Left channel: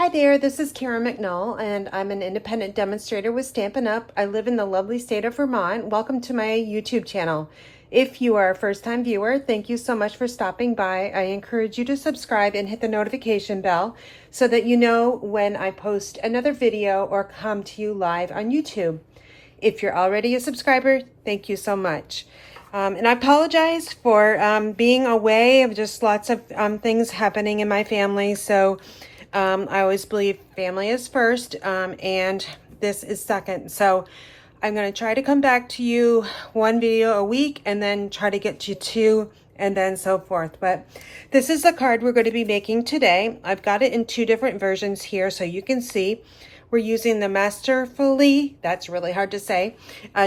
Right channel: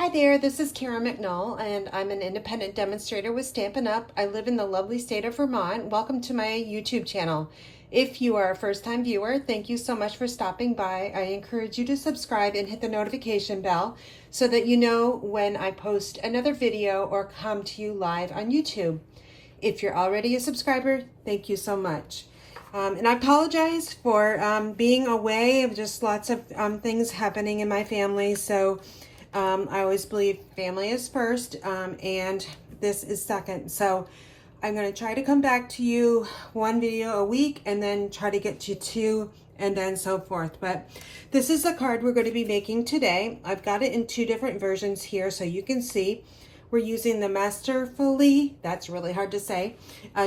Hi there, this is Karen McNall, and I'm an independent demonstrator with Stampin' Up. I live in the lovely state of Vermont. Welcome to my YouTube channel. If you are a first-time viewer, thank you so much for stopping by. I encourage you to subscribe and hit the notification bell so that you know when I post another video or come to you live on YouTube. If you're already a subscriber, thank you so much. And I apologize for being away. Just lots of things happening in my family, so I always believe family is first, and this is second. So I'm going to try to come back to you one video a week and then try to get to two and then so forth. But this is the card we're going to be making today. I've got it in two different versions here so you can see. We're using the Masterfully, that's really hard to say,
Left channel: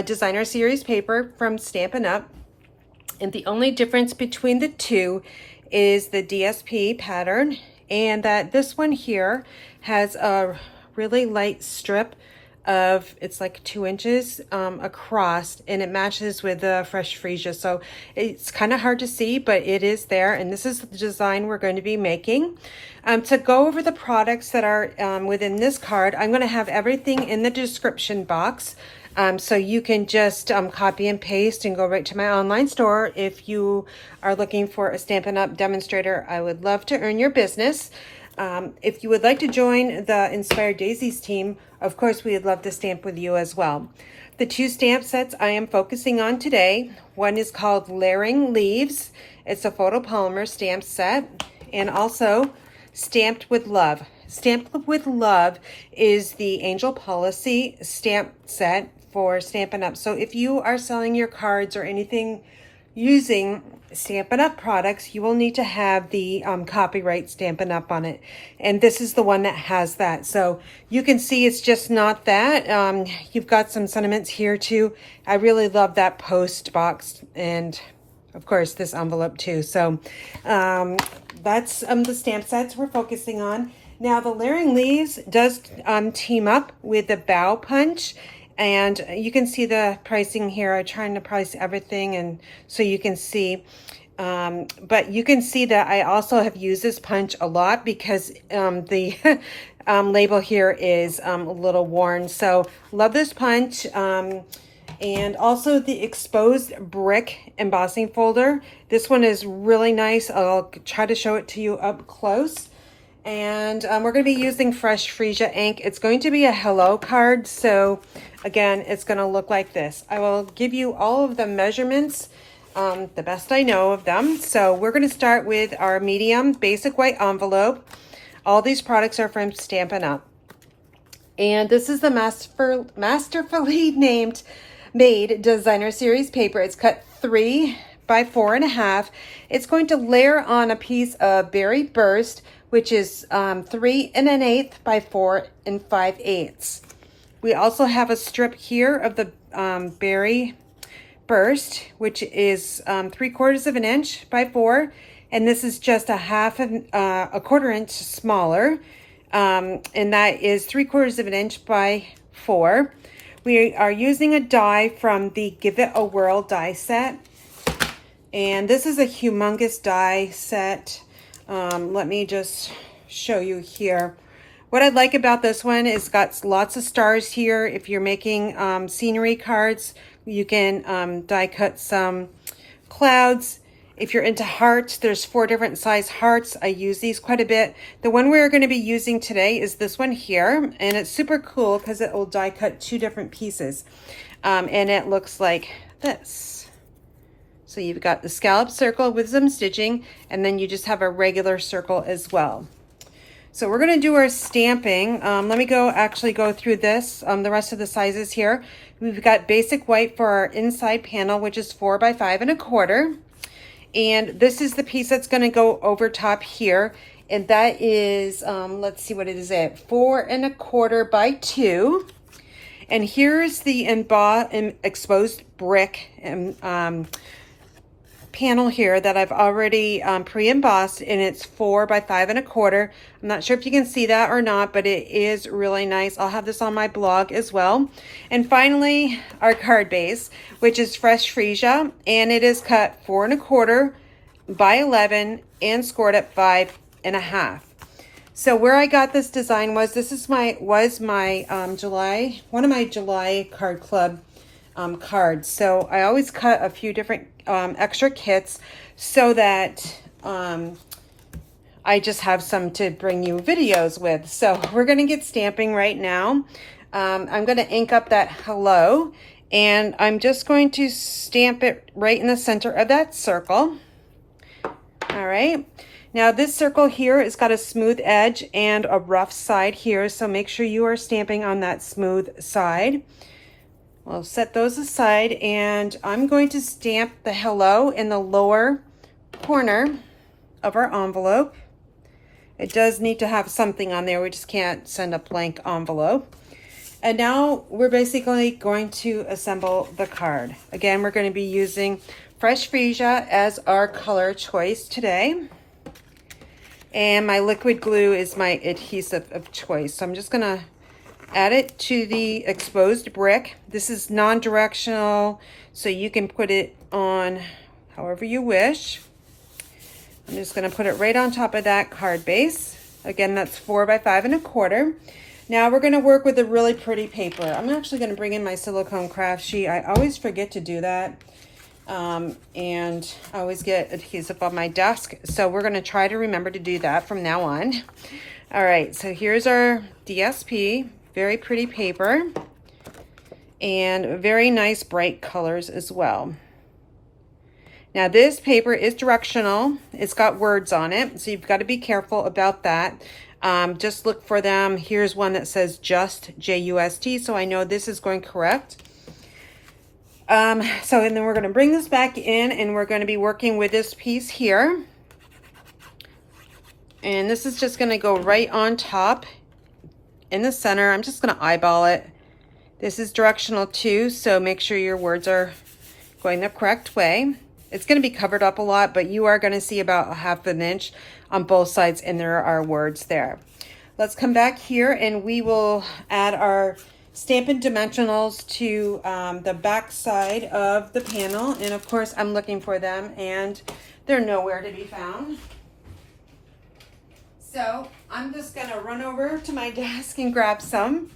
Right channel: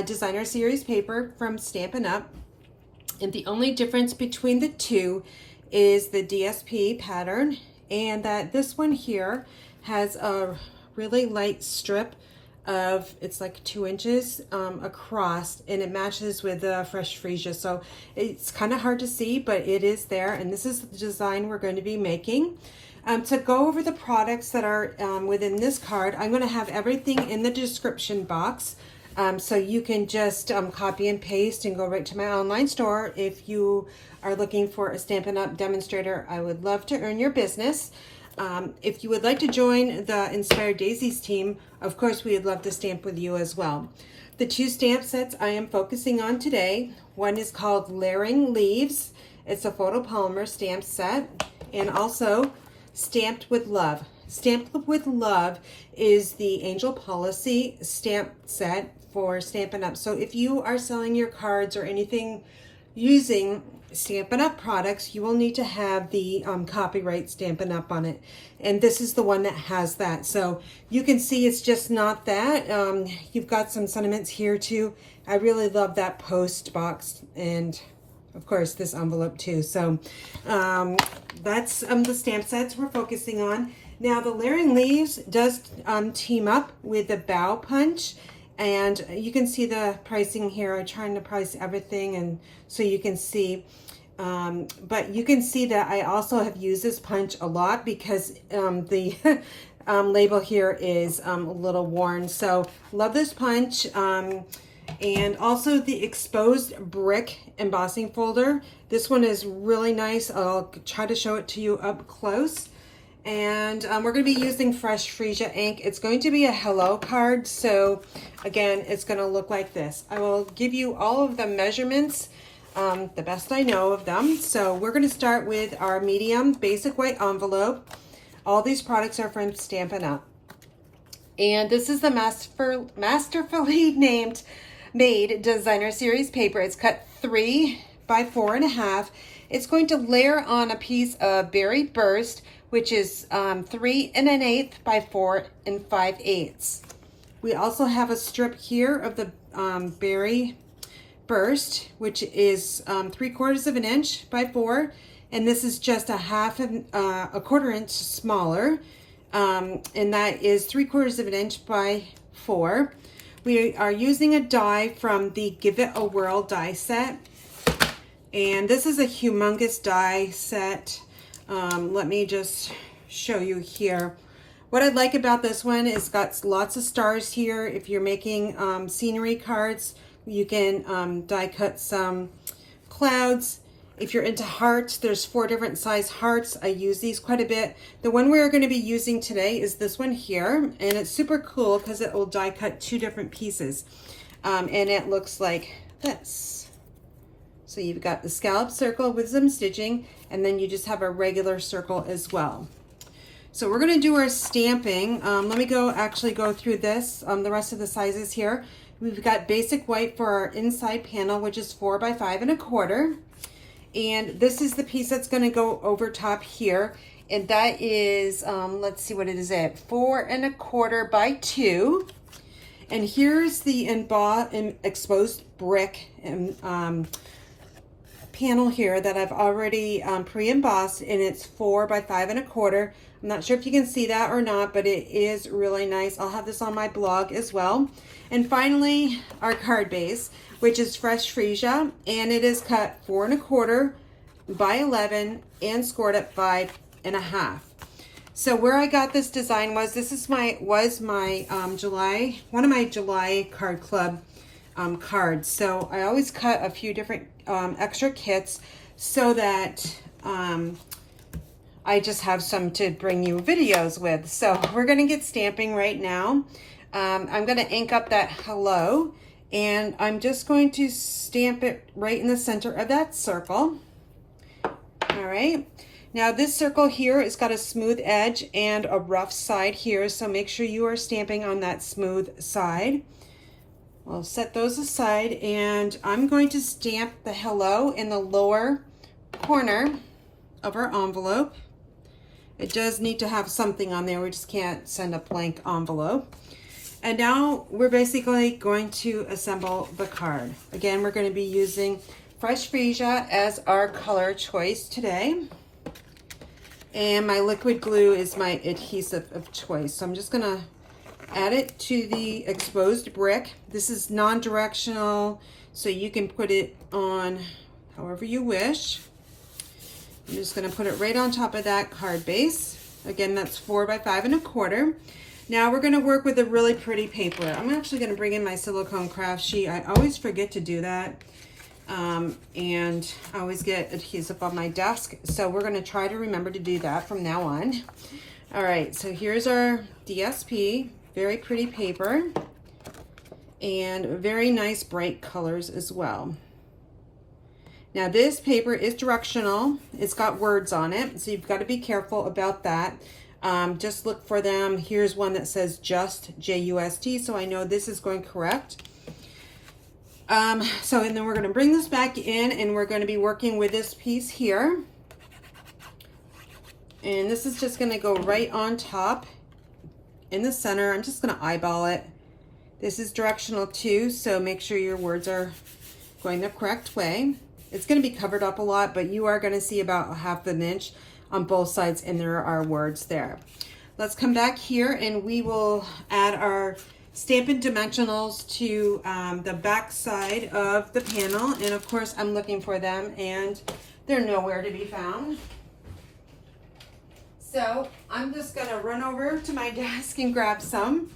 designer series paper from Stampin' Up. And the only difference between the two is the DSP pattern, and that this one here has a really light strip of, it's like 2 inches across, and it matches with the Fresh Freesia. So it's kind of hard to see, but it is there, and this is the design we're going to be making. To go over the products that are within this card, I'm going to have everything in the description box. So you can just copy and paste and go right to my online store. If you are looking for a Stampin' Up! Demonstrator, I would love to earn your business. If you would like to join the Inspired Daisies team, of course, we would love to stamp with you as well. The two stamp sets I am focusing on today, one is called Layering Leaves. It's a photopolymer stamp set, and also Stamped with Love. Stamped with Love is the Angel Policy stamp set for Stampin' Up. So if you are selling your cards or anything using Stampin' Up products, you will need to have the copyright Stampin' Up on it. And this is the one that has that. So you can see it's just not that. You've got some sentiments here too. I really love that post box, and of course this envelope too. So that's the stamp sets we're focusing on. Now the Layering Leaves does team up with the Bow Punch, and you can see the pricing here. I'm trying to price everything, and so you can see. But you can see that I also have used this punch a lot because the label here is a little worn. So love this punch. And also the exposed brick embossing folder. This one is really nice. I'll try to show it to you up close. And we're going to be using Fresh Freesia ink. It's going to be a hello card. So again, it's going to look like this. I will give you all of the measurements, the best I know of them. So we're going to start with our medium basic white envelope. All these products are from Stampin' Up. And this is the Masterfully made designer series paper. It's cut 3 by 4.5. It's going to layer on a piece of Berry Burst, which is 3 1/8 by 4 5/8. We also have a strip here of the Berry Burst, which is 3/4 of an inch by 4, and this is just a 1/4 inch smaller, and that is 3/4 of an inch by 4. We are using a die from the Give It a Whirl die set, and this is a humongous die set. Let me just show you here. What I like about this one is got lots of stars here. If you're making scenery cards, you can die cut some clouds. If you're into hearts, there's 4 different size hearts. I use these quite a bit. The one we're going to be using today is this one here, and it's super cool because it will die cut 2 different pieces, and it looks like this. So you've got the scallop circle with some stitching, and then you just have a regular circle as well. So we're going to do our stamping. Let me actually go through this, the rest of the sizes here. We've got basic white for our inside panel, which is 4 by 5 1/4. And this is the piece that's going to go over top here. And that is, let's see what it is at, 4 1/4 by 2. And here's the exposed brick panel here that I've already pre-embossed, and it's 4 by 5 1/4. I'm not sure if you can see that or not, but it is really nice. I'll have this on my blog as well. And finally, our card base, which is Fresh Freesia, and it is cut 4 1/4 by 11 and scored at 5 1/2. So where I got this design was, this is my July, one of my July card club cards. So I always cut a few different extra kits so that I just have some to bring you videos with. So we're gonna get stamping right now. I'm gonna ink up that hello, and I'm just going to stamp it right in the center of that circle. All right. Now this circle here has got a smooth edge and a rough side here, so make sure you are stamping on that smooth side. We'll set those aside, and I'm going to stamp the hello in the lower corner of our envelope. It does need to have something on there. We just can't send a blank envelope. And now we're basically going to assemble the card. Again, we're going to be using Fresh Freesia as our color choice today. And my liquid glue is my adhesive of choice. So I'm just gonna add it to the exposed brick. This is non-directional, so you can put it on however you wish. I'm just gonna put it right on top of that card base. Again, that's 4 by 5 1/4. Now we're gonna work with a really pretty paper. I'm actually gonna bring in my silicone craft sheet. I always forget to do that. And I always get adhesive on my desk, so we're going to try to remember to do that from now on. All right, so here's our DSP, very pretty paper, and very nice bright colors as well. Now this paper is directional. It's got words on it, so you've got to be careful about that. Just look for them. Here's one that says just, J-U-S-T, so I know this is going correct. And then we're going to bring this back in, and we're going to be working with this piece here. And this is just going to go right on top in the center. I'm just going to eyeball it. This is directional too, so make sure your words are going the correct way. It's going to be covered up a lot, but you are going to see about 1/2 inch on both sides, and there are words there. Let's come back here, and we will add our Stampin' dimensionals to the back side of the panel, and of course I'm looking for them and they're nowhere to be found. So I'm just gonna run over to my desk and grab some.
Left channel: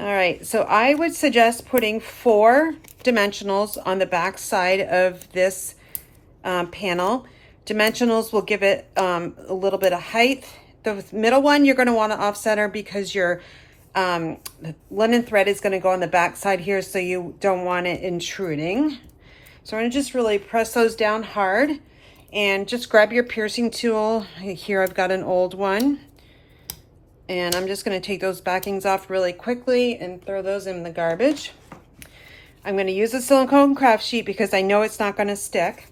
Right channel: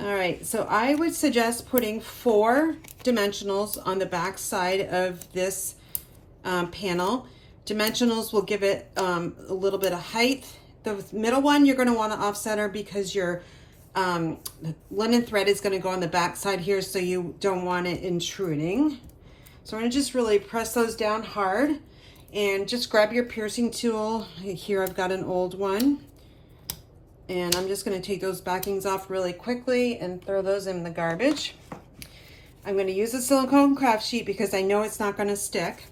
All right, so I would suggest putting 4 dimensionals on the back side of this panel. Dimensionals will give it a little bit of height. The middle one you're gonna wanna offcenter because your linen thread is going to go on the back side here, so you don't want it intruding. So I'm going to just really press those down hard, and just grab your piercing tool. Here I've got an old one, and I'm just going to take those backings off really quickly and throw those in the garbage. I'm going to use a silicone craft sheet because I know it's not going to stick.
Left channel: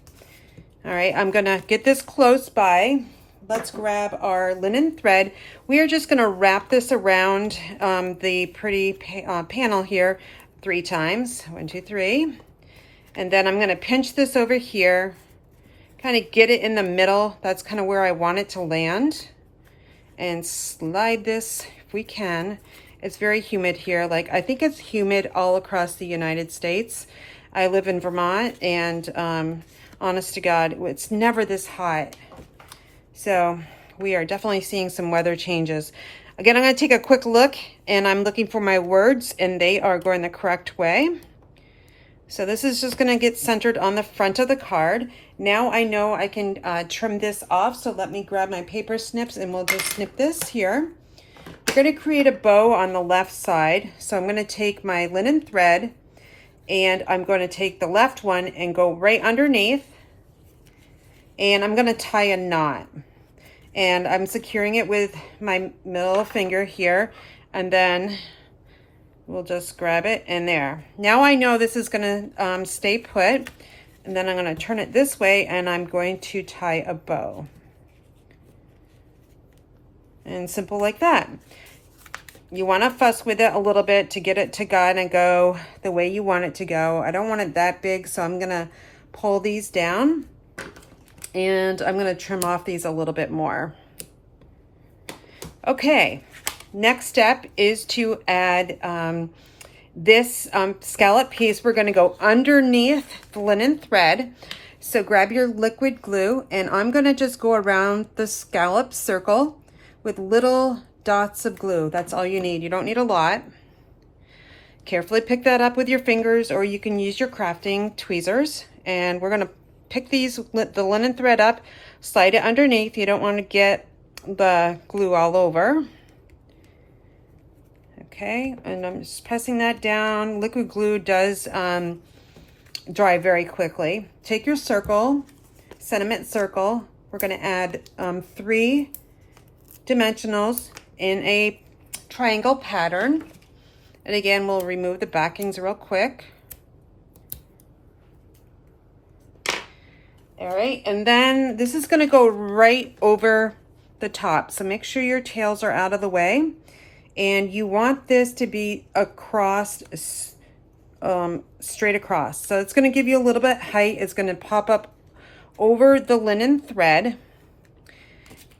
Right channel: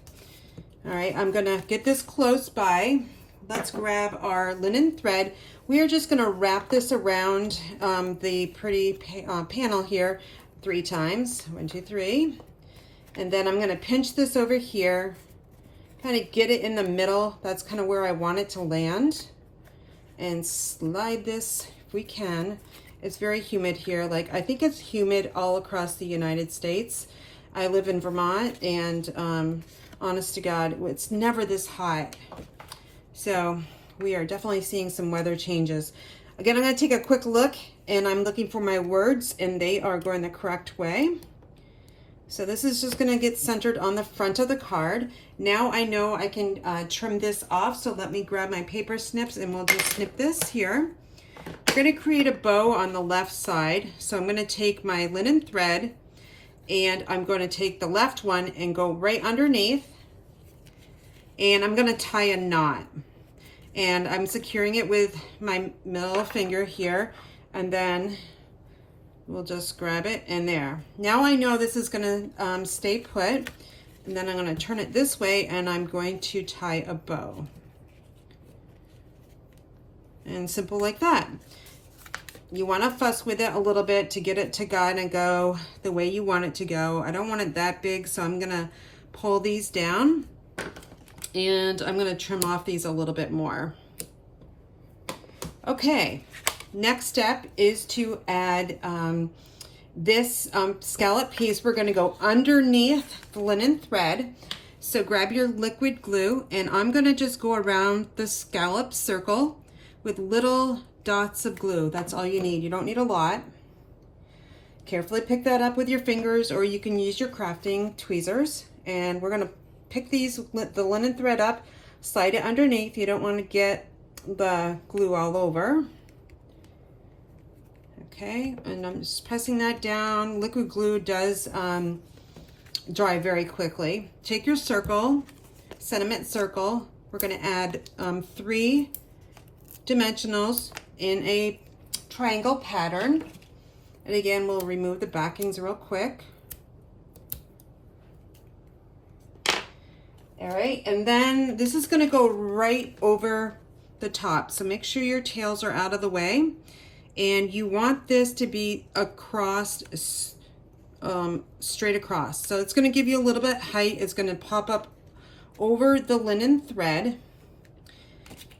All right, I'm going to get this close by. Let's grab our linen thread. We are just going to wrap this around the pretty panel here 3 times. 1, 2, 3. And then I'm going to pinch this over here, kind of get it in the middle. That's kind of where I want it to land. And slide this if we can. It's very humid here. Like, I think it's humid all across the United States. I live in Vermont, and honest to God, it's never this hot. So we are definitely seeing some weather changes. Again, I'm going to take a quick look, and I'm looking for my words, and they are going the correct way. So this is just going to get centered on the front of the card. Now I know I can trim this off, so let me grab my paper snips, and we'll just snip this here. We're going to create a bow on the left side. So I'm going to take my linen thread, and I'm going to take the left one and go right underneath, and I'm going to tie a knot. And I'm securing it with my middle finger here, and then we'll just grab it in there. Now I know this is gonna stay put, and then I'm gonna turn it this way, and I'm going to tie a bow. And simple like that. You wanna fuss with it a little bit to get it to kind of go the way you want it to go. I don't want it that big, so I'm gonna pull these down. And I'm going to trim off these a little bit more. Okay, next step is to add this scallop piece. We're going to go underneath the linen thread. So grab your liquid glue, and I'm going to just go around the scallop circle with little dots of glue. That's all you need. You don't need a lot. Carefully pick that up with your fingers, or you can use your crafting tweezers. And we're gonna pick the linen thread up, slide it underneath. You don't want to get the glue all over. Okay, and I'm just pressing that down. Liquid glue does dry very quickly. Take your circle, sentiment circle. We're gonna add 3 dimensionals in a triangle pattern. And again, we'll remove the backings real quick. All right, and then this is gonna go right over the top. So make sure your tails are out of the way. And you want this to be across, straight across. So it's gonna give you a little bit height. It's gonna pop up over the linen thread.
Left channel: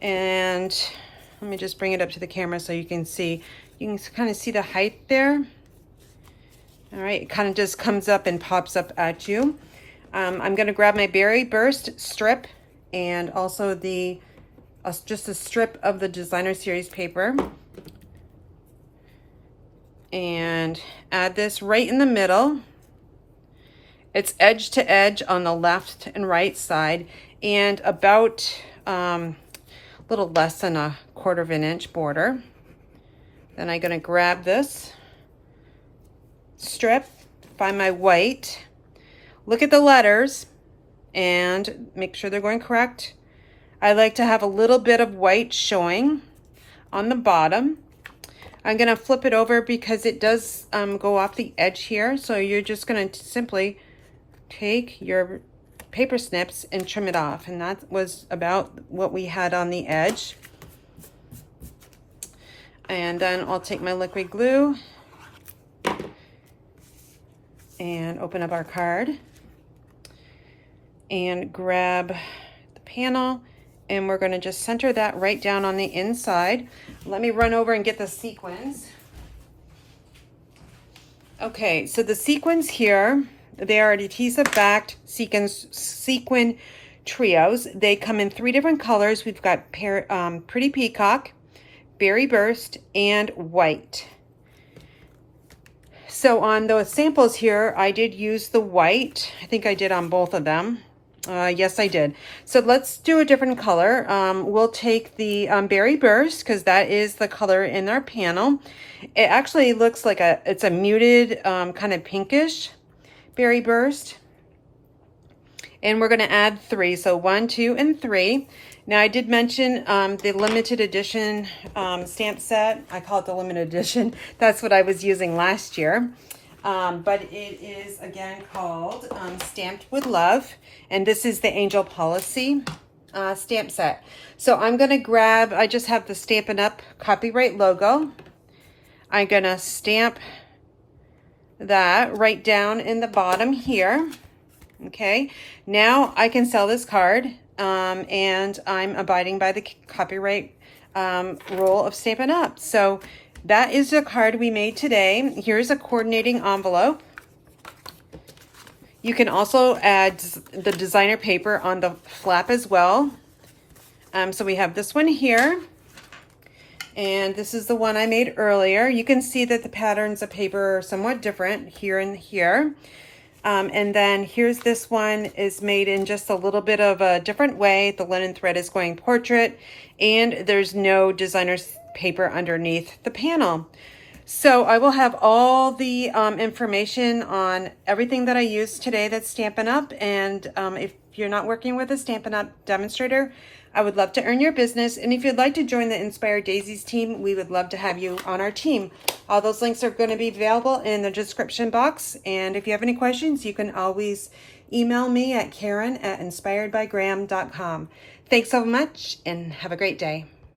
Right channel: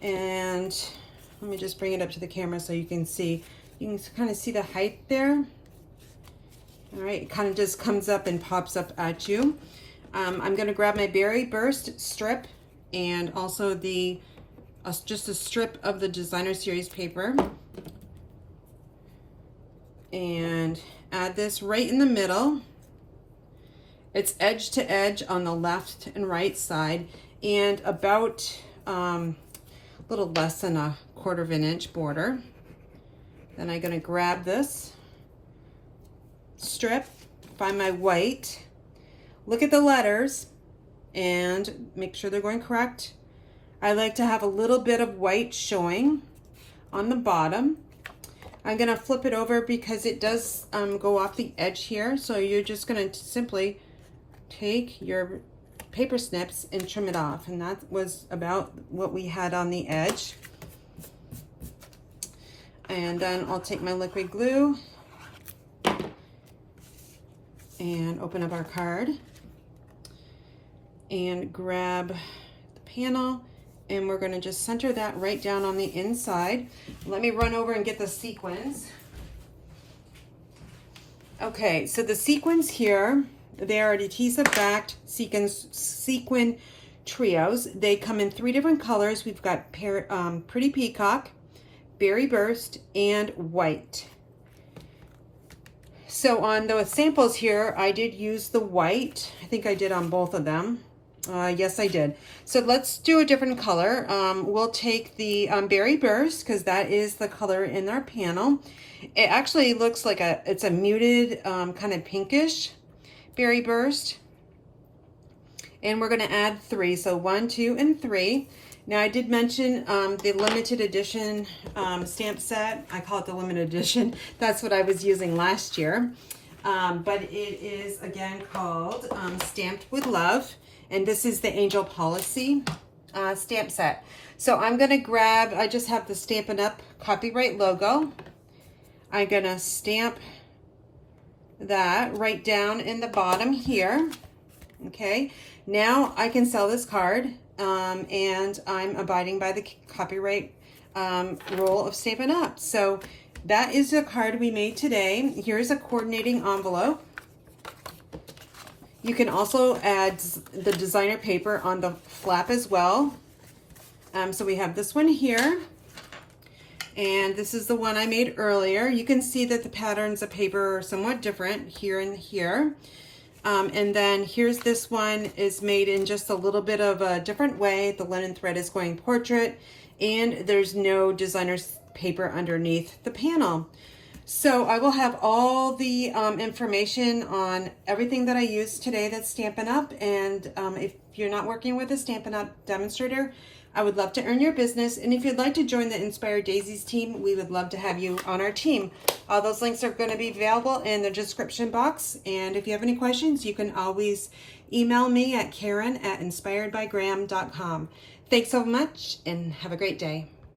And let me just bring it up to the camera so you can see. You can kind of see the height there. All right, it kind of just comes up and pops up at you. I'm gonna grab my Berry Burst strip and also just a strip of the Designer Series paper and add this right in the middle. It's edge to edge on the left and right side, and about a little less than 1/4 of an inch border. Then I'm gonna grab this strip, find my white, look at the letters and make sure they're going correct. I like to have a little bit of white showing on the bottom. I'm gonna flip it over because it does go off the edge here. So you're just gonna simply take your paper snips and trim it off. And that was about what we had on the edge. And then I'll take my liquid glue and open up our card and grab the panel, and we're gonna just center that right down on the inside. Let me run over and get the sequins. Okay, so the sequins here, they are adhesive backed sequin trios. They come in 3 different colors. We've got Pretty Peacock, Berry Burst, and white. So on those samples here, I did use the white. I think I did on both of them. Yes, I did. So let's do a different color. We'll take the Berry Burst because that is the color in our panel. It actually looks like it's a muted kind of pinkish Berry Burst. And we're gonna add 3, so 1, 2, and 3. Now I did mention the limited edition stamp set. I call it the limited edition. That's what I was using last year. But it is again called Stamped with Love. And this is the Angel Policy stamp set. So I'm gonna grab, I just have the Stampin' Up! Copyright logo. I'm gonna stamp that right down in the bottom here. Okay, now I can sell this card and I'm abiding by the copyright rule of Stampin' Up! So that is the card we made today. Here's a coordinating envelope. You can also add the designer paper on the flap as well. So we have this one here, and this is the one I made earlier. You can see that the patterns of paper are somewhat different here and here. And then here's this one is made in just a little bit of a different way. The linen thread is going portrait, and there's no designer's paper underneath the panel. So I will have all the information on everything that I used today that's Stampin' Up! And if you're not working with a Stampin' Up! Demonstrator, I would love to earn your business. And if you'd like to join the Inspired Daisies team, we would love to have you on our team. All those links are going to be available in the description box. And if you have any questions, you can always email me at Karen@inspiredbygram.com. Thanks so much and have a great day.